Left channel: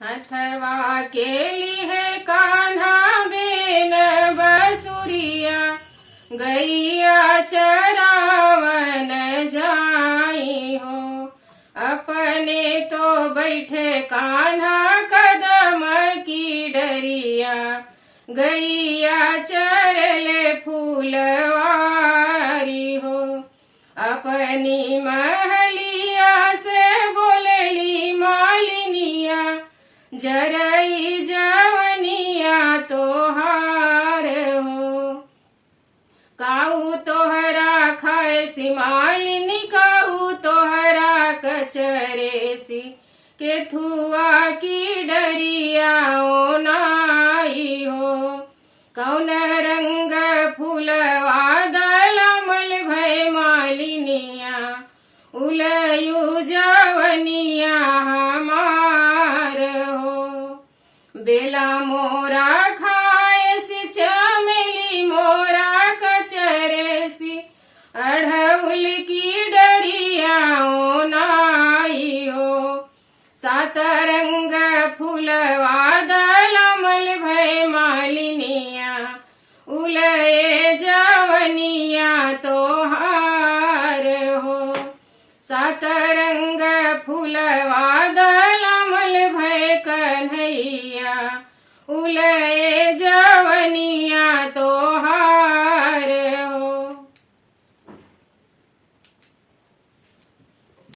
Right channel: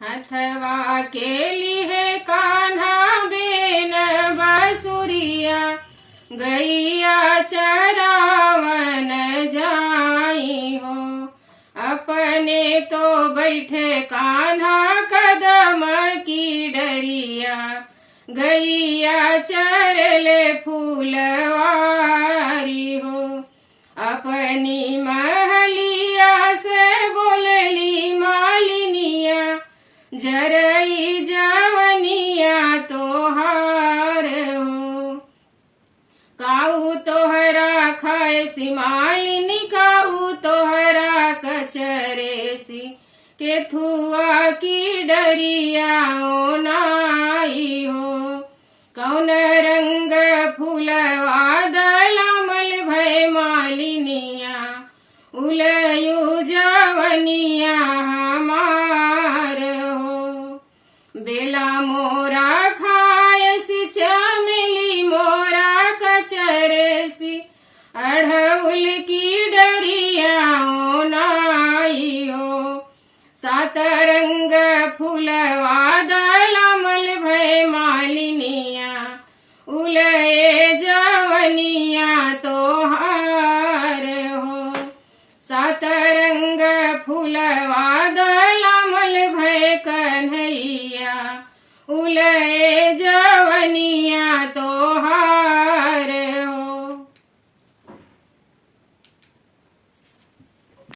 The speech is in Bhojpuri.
हथवा केली है कान्हा बेन बसुरिया, गैया चरावन जाई हो। अपने तो बैठे कान्हा कदम की डरिया, गैया चरले फूलवारी हो। अपनी महलिया से बोलली मालिनिया, जरई जवनिया तोहार हो। काऊ तोहरा खाए सी मालिनी, काऊ तोहरा कचरेसी, केथुआ की डरिया ओ नाई हो। कौन रंग फूलवा दलमल भय मालिनिया, उलयू जवनिया हमार हो। बेला मोरा खायसी, चमेली मोरा कचरेसी, अढ़उल की डरिया ओ नाई हो। सात रंग फूलवा दलमल भय मालिनिया, उलये जवनिया तोहार हो। सात रंग फूलवा दलमल भय कन्हैया, उलये जवनिया तोहार